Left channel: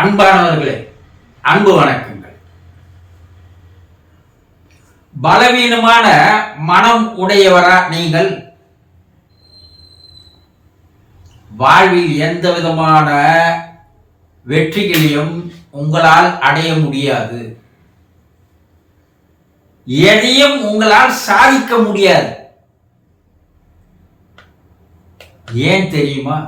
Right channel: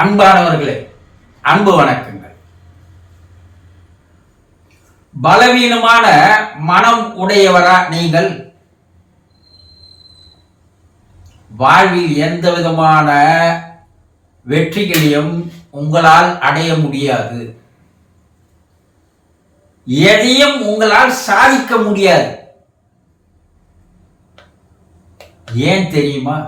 அன்பானவர்களே, அன்பு வணக்கங்கள். பலவீனமான மனம் உடையவரா நீங்கள்? வாழ்வில் எந்த விதமான வெற்றிகளையும் உங்களால் அடைய முடியாது. எதையும் உங்களால் சாதிக்க முடியாது. ஏன் தெரியுமா?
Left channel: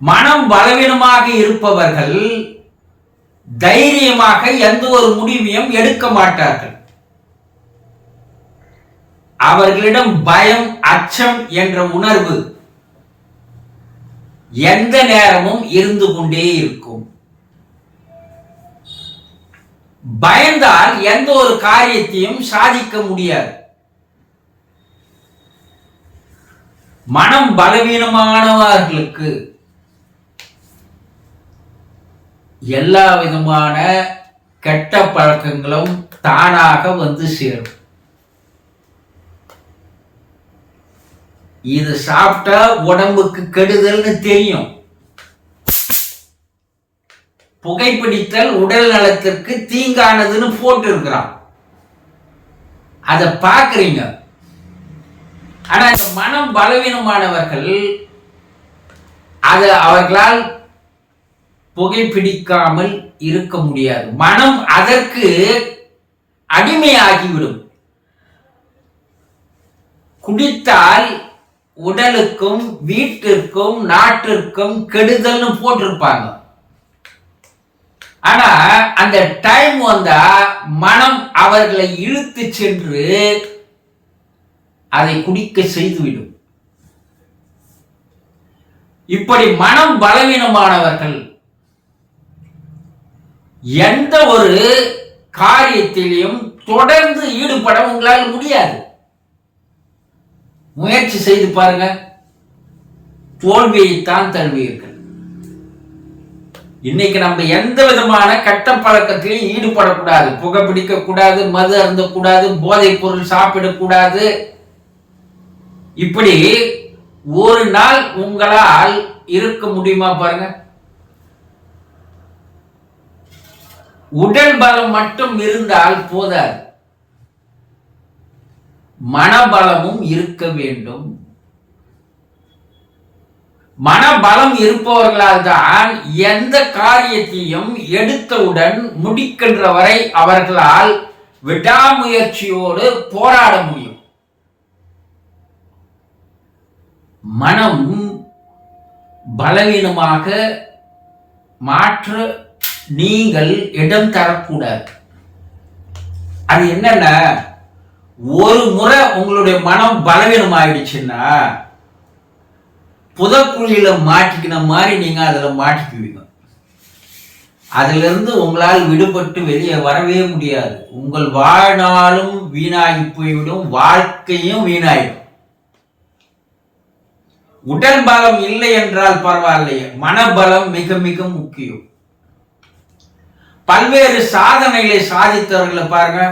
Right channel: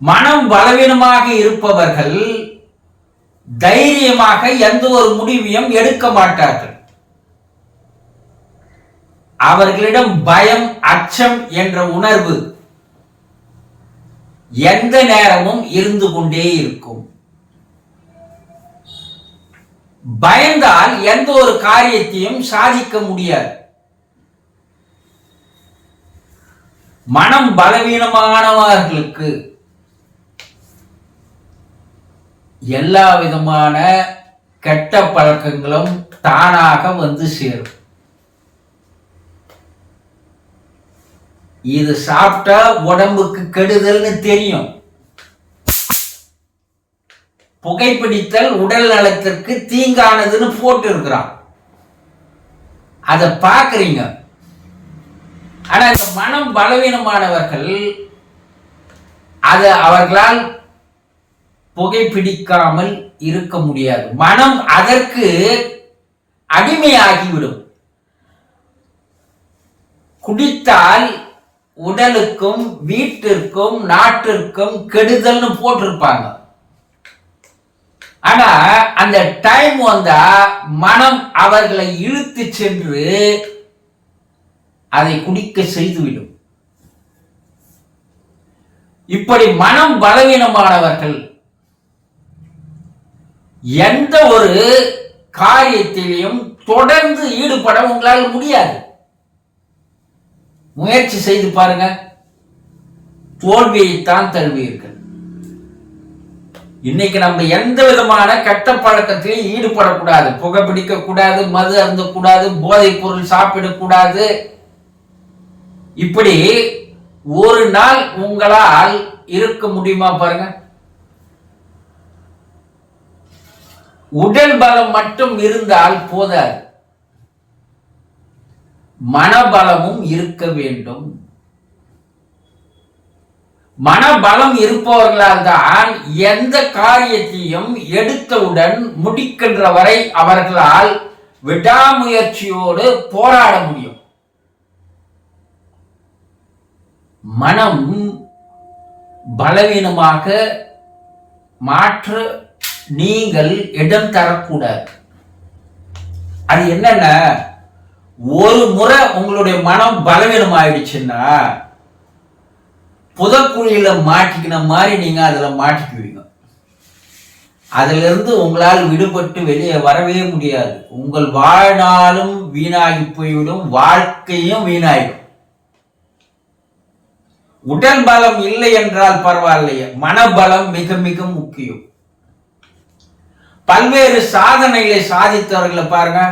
மனம் பலவீனமாக இருப்பவர்கள் தைரியமாக எந்த ஒரு முடிவையும் எடுக்க மாட்டார்கள். அவர்களிடம் பயம், அச்சம் என்ற உணர்வு எந்த நேரமும் இருந்து கொண்டே இருக்கும். பயந்தால் எந்த ஒரு காரியத்தையும் சாதிக்க முடியாது. மனம் பலவீனமானவர்களுக்கு எல்லா விதமான கெட்ட பழக்கங்களும் தானாக வந்து சேரும். இது சாப்பிட்டா உடம்புக்கு கெடுதல்னு தெரியும். புகைப்பிடித்தல் உடல் நலத்திற்கு தீங்கானதுன்னு போட்டு இருக்கிறான். அதை பார்க்குறீங்க. ஆனா இந்த மனம் பலவீனமானவர்கள் அது அவர்களால் புகைப்பிடிக்காமல் இருக்க முடியாது. மனம் அதற்கு அடிமையாகிவிடும். குடித்தால் உடலுக்கும் வீட்டிற்கும் நாட்டிற்கும் கெடுதல்னு போட்டிருப்பாங்க. ஆனா அந்த டைம் வந்தா மனம் அவர்களை இழுத்து சென்று அதை குடிக்க செய்துவிடும். இப்படி மனம் பலவீனமானவர்கள் எந்த ஒரு காரியத்திலையும் தொடர்ந்து ஈடுபட உங்களால் முடியாது. முயற்சி செய்து பாருங்க, தோல்வியைத்தான் தழுவீர்கள். இன்னைக்கு நம்ம எந்த விதமான கெட்ட பழக்கத்திலையும் ஈடுபடக்கூடாது. புகைப்பிடிக்க கூடாது, மது அருந்தக்கூடாது, போதைப் பொருள் சாப்பிடக்கூடாது. இப்படி ஒரு நாள் உங்களால் இருக்க முடியுமா பாருங்க. உடல் பலம் மட்டும் இருந்தால் போதாது, மனபலமும் இருக்க வேண்டும். மனபலம் இருப்பவர்களால் தான் எந்த காரியத்தையும் எடுத்தவுடன் முடிக்கின்ற வரை அவர்களால் விடாமுயற்சியோடு போராட முடியும். மனம் பலவீனமாக மாற்ற நீங்கள் இடம் தரக்கூடாது. அது என்னன்னா, ஒரு முறை உங்களுடைய மனம் பலவீனம் ஆயிடுச்சுன்னா புதக்குழியில மாட்டிக்கின மாதிரி நீங்க அதுல மாட்டிக்குவீங்க. அதுல இருந்து உங்களால் விடுபட்டு வெளியே வரவே முடியாது. உங்கள் வாழ்நாளும் வீணாகி போய்விடும், வாழ்க்கையும் வீணாயிடும். உடல் பலம் இல்லை என்றால் பரவாயில்லையே, மனபலம் மிக மிக முக்கியம். பல்வேறு சாதனைகளை சாதித்தவர்களை பாருங்க.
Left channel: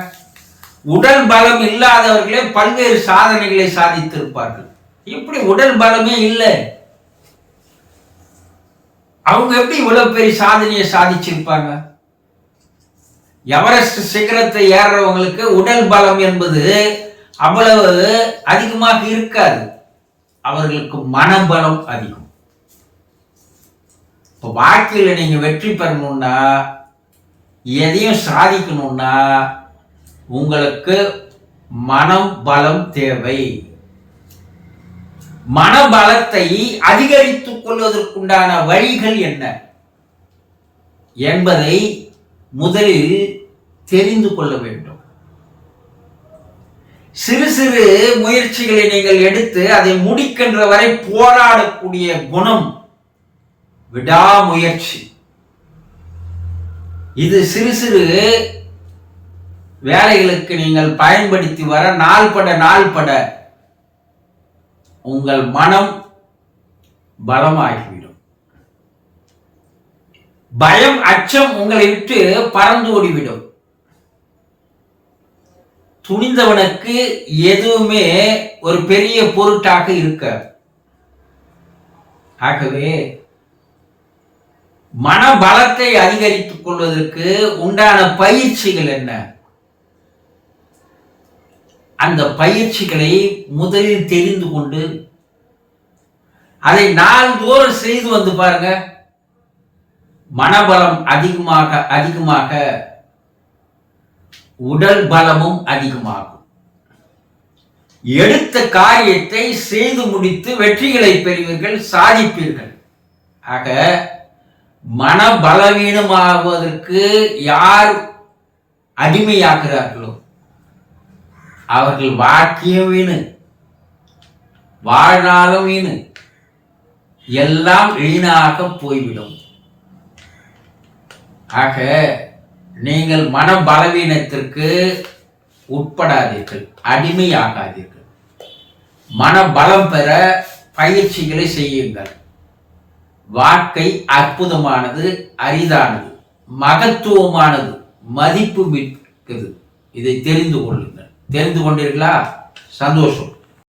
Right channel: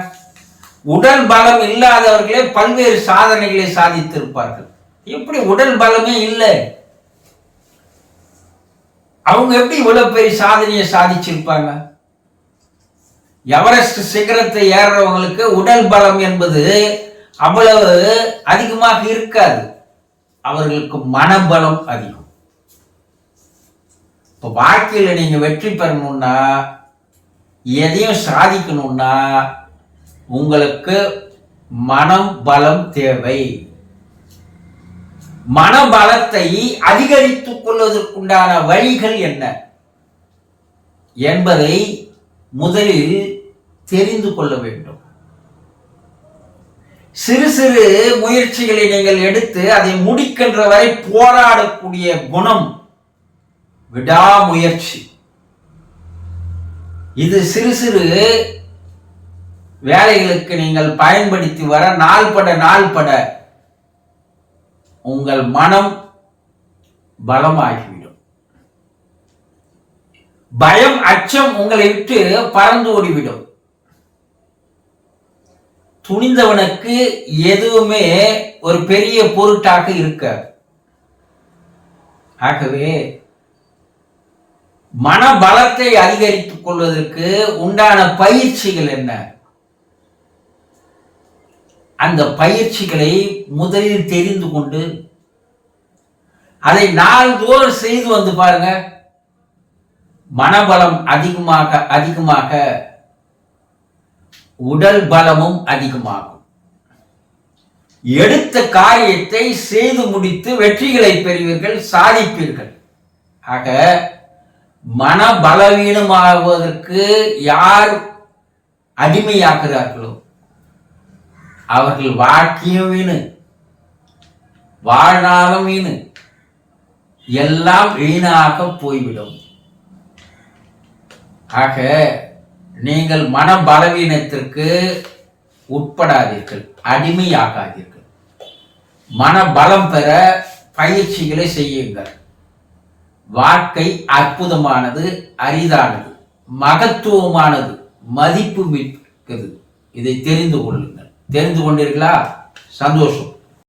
உடல் பலம் இல்லாதவர்களே பல்வேறு சாதனைகளை சாதித்திருப்பார்கள். எப்படி உடல் பலமே இல்லை, அவங்க எப்படி இவ்வளவு பெரிய சாதனையை சாதிச்சிருப்பாங்க? எவரெஸ்ட் சிகரத்தை ஏறுறவங்களுக்கு உடல் பலம் என்பது அவ்வளவு அதிகமாக இருக்காது. அவர்களுக்கு மனபலம் அதிகம். இப்போ வாழ்க்கையில் நீங்க வெற்றி பெறணும்னா, எதையும் சாதிக்கணும்னா உங்களுக்கு மனம் பலம் தேவை. மனபலத்தை அதிகரித்துக் கொள்வதற்குண்டான வழிகள் என்ன என்பதை முதலில் தெரிந்து கொள்ள வேண்டும். சிறு சிறு முயற்சிகளை நீங்கள் எடுத்து அதை முடிக்கின்ற வரை போராடக்கூடிய குணம், விடாமுயற்சி. இது சிறு சிறு வேலைகளுக்கு நீங்கள் பயன்படுத்தி வர நாள்பட உங்கள் மனம் பலமாகிவிடும். பயம், அச்சம் உங்களை விட்டு பறந்து ஓடிவிடும். துணிந்தவனுக்கு எதுவுமே ஒரு பெரிய பொருட்டாக இருக்க. ஆகவே மனபலத்தை அதிகரித்துக் கொள்வதற்கு உண்டான பயிற்சிகள் என்ன? அந்த பயிற்சிகளை முதலில் தெரிந்து கொண்டு அதை நாள்தோறும் செய்து வந்து பாருங்க. மனபலம் அதிகமாக அதிகமாக உடல் பலமும் அதிகமாகும். எடுத்த காரியத்தை செய்து முடித்து வெற்றிகளை பெறுவீர்கள், சாதிப்பீர்கள். ஆக மன பலவீனமாகுவதற்கு யார் அடிமையாகிறார்களோ அவர்கள் வாக்கியம் வீணு, வாழ்நாளும் வீணு, எல்லாம் வீணாக போய்விடும். ஆக நீங்கள் மன பலவீனத்திற்கு உட்படாதீர்கள், அடிமையாகாதீர்கள். மன பலம் பெற பயிற்சிகளை செய்யுங்கள். வாழ்க்கை அற்புதமானது, அரிதானது, மகத்துவமானது, மதிப்பு மிக்கது. இதை தெரிந்து கொள்ளுங்கள். தெரிந்து கொண்டீர்களா? சந்தோஷம்.